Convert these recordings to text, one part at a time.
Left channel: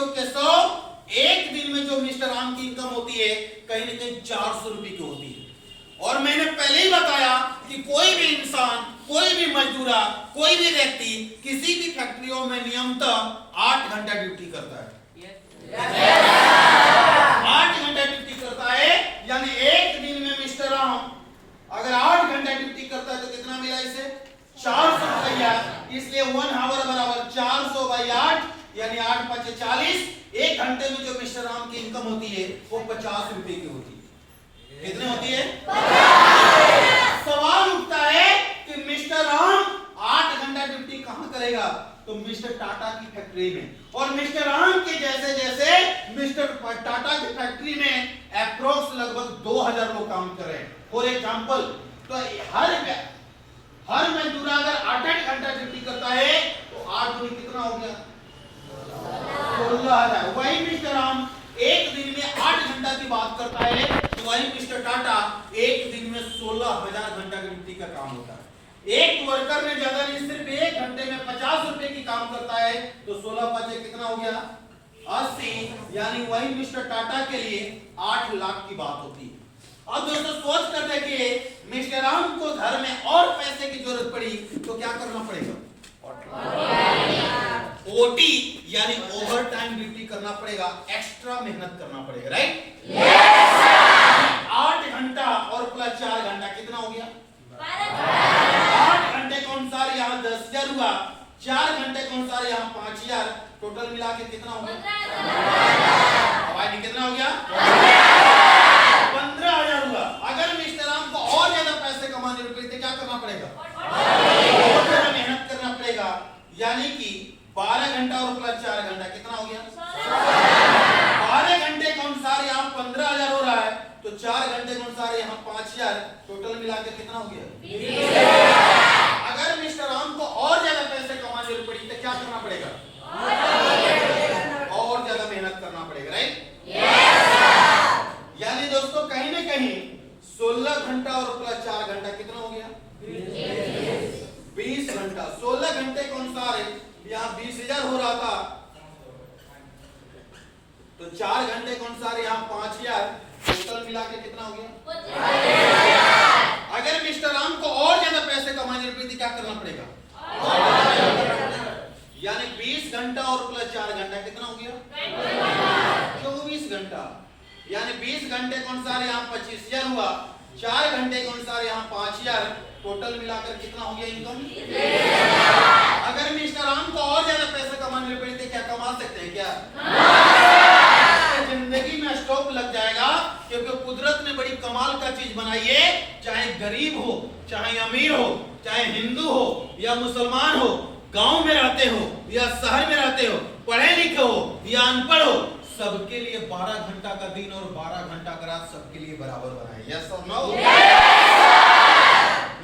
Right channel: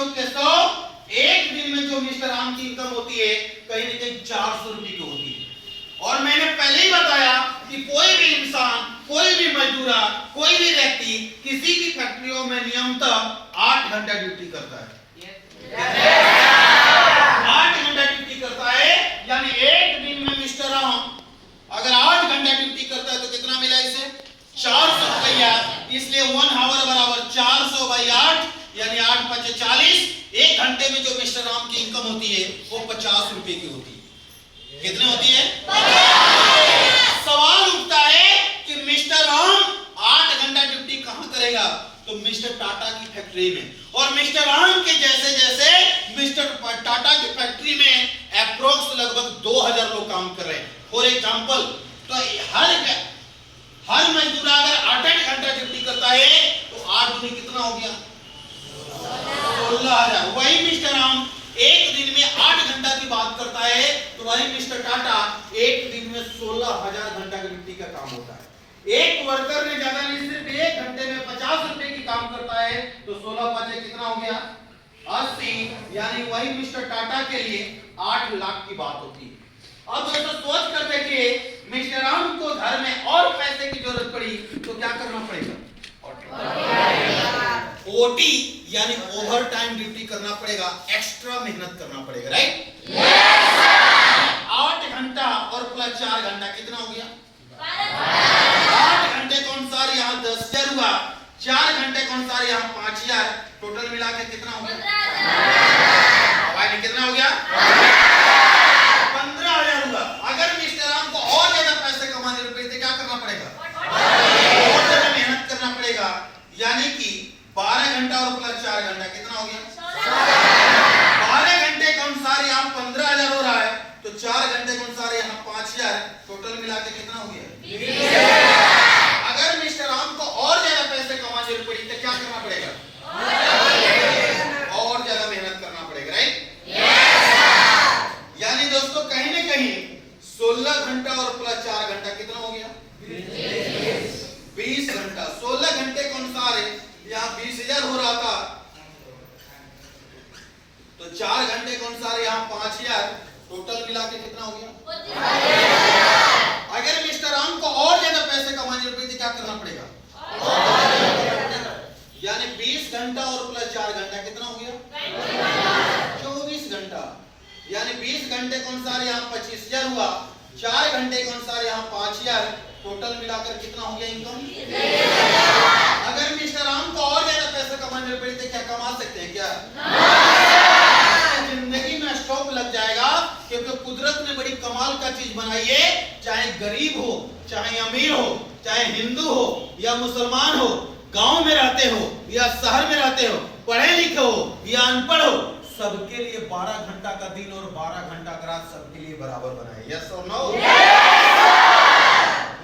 योग के 100, एक दिन में जो मिस्टर राम की इनकम होती है कहीं ना कहीं 400 रुपए की होती है। और मैंने पहले ही बताया कि कोई भी इंसान, कोई भी मजदूरा, कोई भी व्यक्ति किसी भी फैक्ट्रियों में नियमतः 8 घंटा ड्यूटी करता है। 8 घंटा ड्यूटी करता है, यानी एक दिन में मिस्टर राम अगर 8 घंटा ड्यूटी करता है तो कितना मिला इसे? 400 रुपया। इसलिए 1 आवर बराबर 400 बाई 8, यानी 8 5 40। एक घंटे में जो मिस्टर राम की इनकम होती है वो 50 रुपए की होती है। कितने होती है? 50। सवाल उठता है कि मिस्टर राम 8 घंटा ड्यूटी कहां करेगा? तो मिस्टर टाटा की फैक्ट्री में। और मिस्टर राम के जैसे जैसे मिस्टर टाटा की फैक्ट्री में अप्रोक्स लगभग 2000 लोग काम कर रहे हैं। फॉर एग्जांपल, तो हर मजदूर अगर 8 घंटा ड्यूटी करता है तो 8 दूनी कितना हो गया? 16,000। वही मिस्टर राम एक दिन में 8 घंटा की बात करता है तो वही मिस्टर टाटा एक दिन में 16,000 घंटा की ड्यूटी का काम होता है। एक वर्कर ने ज्यादा नहीं, सिर्फ एक घंटे में 50 रुपए की काम करता है तो 16 5 कितना हो गया? 80। यानी वही मिस्टर टाटा के लिए 8 लाख की बात होती है। अब दोस्तों सोच कर देखिए, मिस्टर राम को घर में और पैसे की जरूरत पड़ी तो क्या करना पड़ेगा? ओटी यानी ओवर टाइम ड्यूटी करना पड़ेगा, एक्स्ट्रा मेहनत करना पड़ेगा, राइट? Yes sir. 8 घंटा और प्लस 4 घंटा कितना हो गया? 8 घंटे के अनुसार यहाँ 10,000 हुआ, 4 घंटे के अनुसार यहाँ 5,000, टोटल मिला के कितना हो गया? कितना हो गया? 15,000 हुआ। अगर मिस्टर राम को और ज्यादा पैसे कमाने रुपए थे क्या करना पड़ेगा? और ज्यादा मेहनत करना पड़ेगा, यानी कि 12 घंटा और प्लस 4 घंटा कितना हो गया? 12 घंटे के अनुसार यहाँ 15,000 हो रहा है तो 4 घंटे के अनुसार यहाँ 5,000, टोटल मिला के कितना हो गया? 20,000। अगर मिस्टर राम को और ज्यादा पैसे कमाने पड़ी तो क्या करना पड़ेगा? और ज्यादा मेहनत करना पड़ेगा, राइट? यानी दोस्तों कहीं ना कहीं 16 घंटा और प्लस 4 घंटा कितना हो गया? 20 घंटा। 16 घंटे के अनुसार यहाँ 20,000 हो रहा था तो 4 घंटे के अनुसार यहाँ 5,000, टोटल मिला के कितना हो गया? अगर मिस्टर राम को और ज्यादा पैसे कमाने रुपए क्या करना पड़ेगा? यानी 20 घंटा और प्लस 4 घंटा कितना हो गया? 24 घंटा। यानी 20 घंटे के अनुसार यहाँ 25,000 हुआ, 4 घंटे के अनुसार यहाँ 5,000, टोटल मिलाकर कितना हो गया इनकम? अगर मिस्टर राम को और ज्यादा पैसे कमाने पड़े तो क्या कमा सकते हैं क्या? जिंदगी में स्टॉप लग जाएगा, क्योंकि कुदरत ने बड़ी कमाल का चीज बनाई है। चाहे गरीब हो, चाहे अमीर हो, चाहे हिंदू हो या मुसलमान हो, गांव में रहते हो या शहर में रहते हो, पढ़े लिखे हो या अनपढ़ हो, सबके लिए 12 घंटा का दिन और 12 घंटा का रात सबके लिए बराबर बनाए। यस और नो?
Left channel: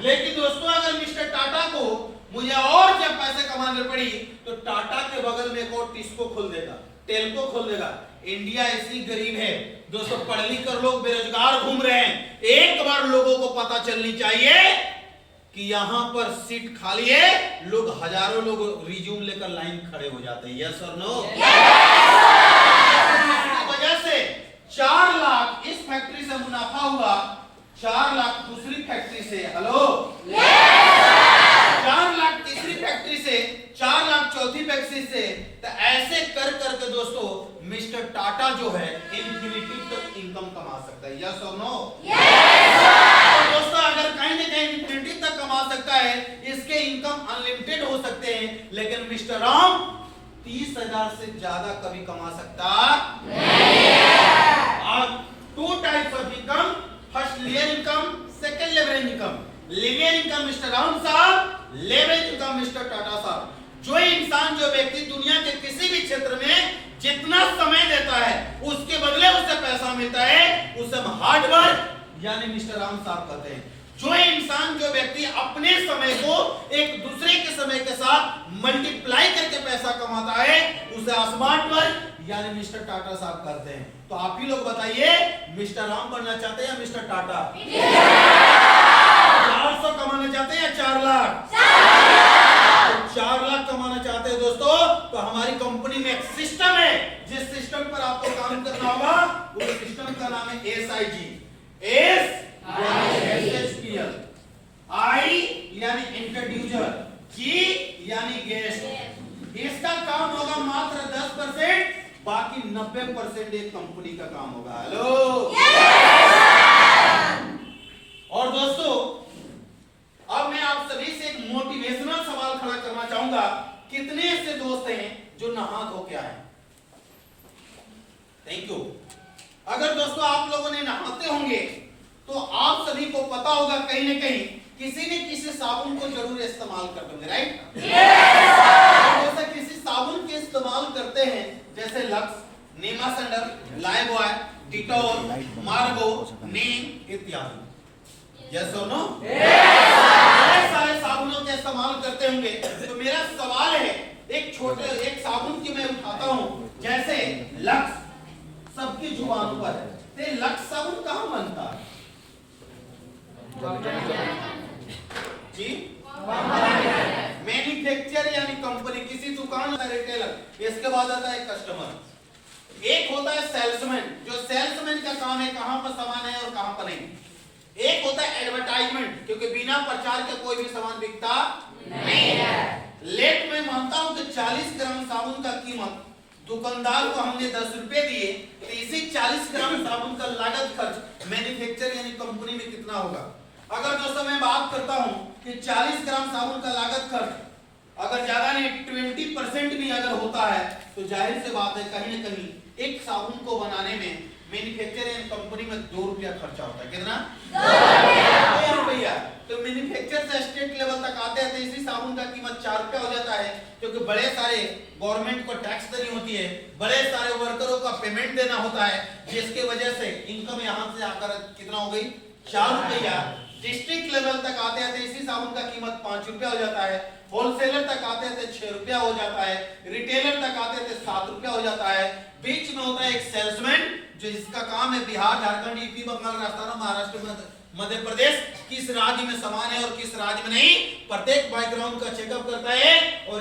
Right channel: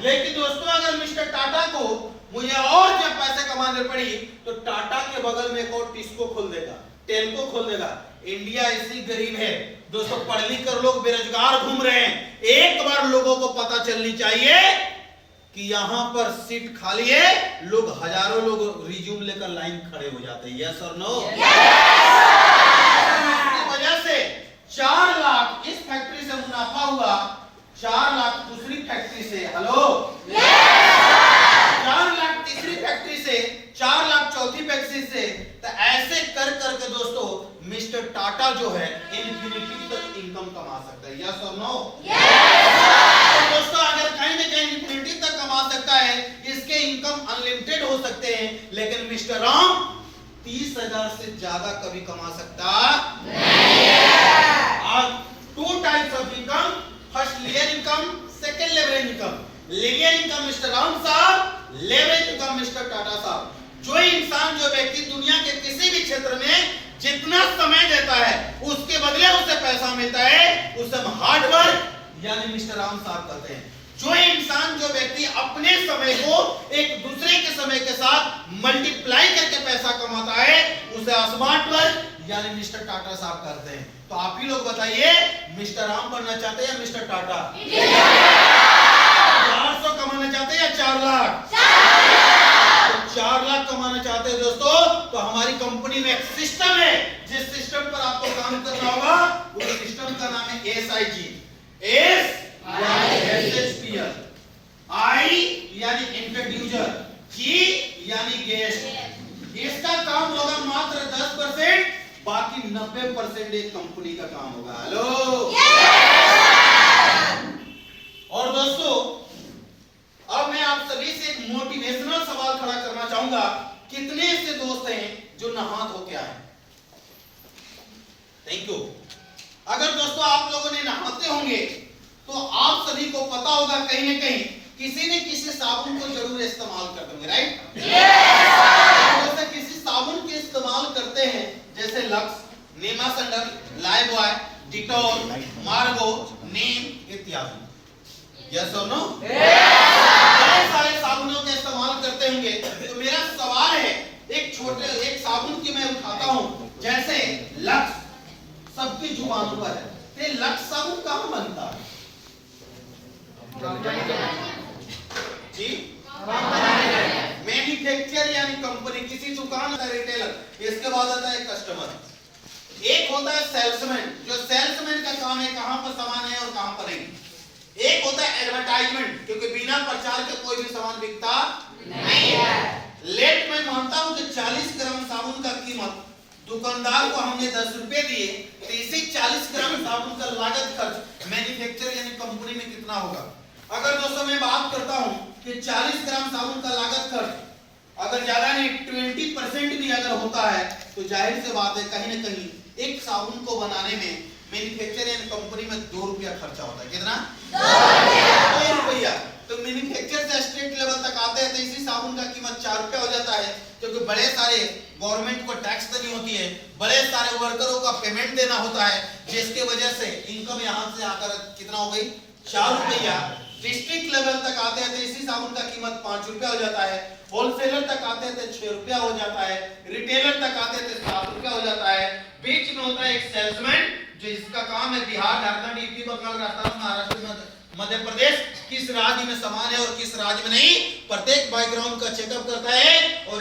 लेकिन दोस्तों अगर मिस्टर टाटा को मुझे और जब पैसे कमाने पड़ी तो टाटा के बगल में एक और टिस्को खोल देगा, टेल्को खोल देगा। इंडिया ऐसी गरीब है दोस्तों, पढ़ लिख कर लोग बेरोजगार घूम रहे हैं। एक बार लोगों को पता चलनी चाहिए कि यहाँ पर सीट खाली है, लोग हजारों लोग रिज्यूम लेकर लाइन खड़े हो जाते हैं। यस और नो? इसकी वजह से 4 लाख इस फैक्ट्री से मुनाफा हुआ, 4 लाख दूसरी फैक्ट्री से, हेलो 4 लाख तीसरी फैक्ट्री से, 4 लाख चौथी फैक्ट्री से। तो ऐसे कर करके दोस्तों मिस्टर टाटा जो है इन्फिनिटी तक इनकम कमा सकता है। यस और नो? तो दोस्तों अगर कहीं ना कहीं इन्फिनिटी तक कमा सकता है, इसके इनकम अनलिमिटेड हो सकते हैं, लेकिन मिस्टर राम 30,000 से ज्यादा कभी कमा सकता नहीं है। अब 2 types of income, first linear income, second leverage income. Linear income mister Ram साहब, लेवरेज इनकम मिस्टर टाटा साहब। जो इंसान, जो व्यक्ति दुनिया के किसी भी क्षेत्र में जितना समय देता है उसके बदले उसे पैसा मिलता है, उसे हम हार्ड वर्क यानी मिस्टर राम साहब कहते हैं। जो इंसान, जो व्यक्ति अपने समय को एक दूसरे के समय के साथ मल्टीप्लाई करके पैसा कमाता है उसे स्मार्ट वर्क यानी मिस्टर टाटा साहब करते हैं। तो आप ही लोग बताइए, मिस्टर राम बनना चाहते हैं या मिस्टर टाटा? 400 कमाना चाहते हैं या 4 लाख? 4 लाख कमाना चाहते हो दोस्तों, तो हमारी कंपनी में एक सिस्टम है, जिस सिस्टम पर आपको काम करना होगा उस सिस्टम का नाम है SIG। SHPL। I यानी इंट्रोड्यूसर, G यानी गेस्ट। इसका काम होगा मात्र 10%, बाकी 90% एक कंपनी का काम होगा। हेलो। और दोस्तों अब मैं आप सभी से एक मोटिवेशनल सवाल खड़ा करना चाहूंगा, कितने ऐसे दोस्त हैं जो नहा धो के आए? Thank you. अगर दोस्तों आप लोगों ने नहाते होंगे तो आप सभी को पता होगा कहीं ना कहीं किसी न किसी साबुन को जरूर इस्तेमाल करते होंगे, राइट? दोस्तों किसी साबुन के इस्तेमाल करते हैं, जैसे लक्स, नीमासंडल, लाइबॉय, डिटॉल, मार्गो, नीम इत्यादि। यस और नो? बहुत सारे साबुनों का इस्तेमाल करते होंगे। तो मेरा सवाल है, एक साबुन की मैं उठाता हूं, जैसे लक्स सबकी जुबान पर है, तो लक्स साबुन कहां बनता है जी? मैन्युफैक्चर यानी कंपनी, किसी दुकान का रिटेलर, इसके बाद आता है कस्टमर। एक होता है सेल्समैन, जो सेल्समैन का काम है कहां पर सामान है और कहां पर नहीं। एक होता है एडवर्टाइजमेंट, क्योंकि बिना प्रचार के कोई भी सामान बिकता नहीं है। लेट मैं मानता हूं कि 40 ग्राम साबुन का कीमत दुकानदार को हमने 10 रुपए दिए, तो इसी 40 ग्राम साबुन का लागत खर्च मैन्युफैक्चर यानी कंपनी में कितना होगा? अगर दोस्तों मैं बात करता हूं कि 40 ग्राम साबुन का लागत खर्च अगर ज्यादा नहीं 20% भी अगर होता है, तो जाहिर सी बात है कहीं ना कहीं एक साबुन को बनाने में मैन्युफैक्चर यानी कंपनी में 2 रुपया खर्चा होता है। कितना? 2 रुपया। तो मैन्युफैक्चर से स्टेट लेवल तक आते हैं तो इसी साबुन का कीमत 4 रुपया हो जाता है, क्योंकि बड़े सारे गवर्नमेंट को टैक्स देनी होती है, बड़े सारे वर्करों का पेमेंट देना होता है, जिसके वजह से इनकम यहाँ से आकर कितना हो गई? 4 रुपया। डिस्ट्रिक्ट लेवल तक आते हैं तो इसी साबुन का कीमत 5 रुपया हो जाता है, होलसेलर तक आते हैं तो 6 रुपया हो जाता है, रिटेलर तक आते हैं तो 7 रुपया हो जाता है। बीच में होता है एक सेल्समैन, जिसका काम है बिहार, झारखंड, यूपी, बंगाल, राजस्थान, महाराष्ट्र, मध्य प्रदेश, किस राज्य में सामान है और किस राज्य में नहीं, प्रत्येक बैकग्राउंड का चेकअप करता है और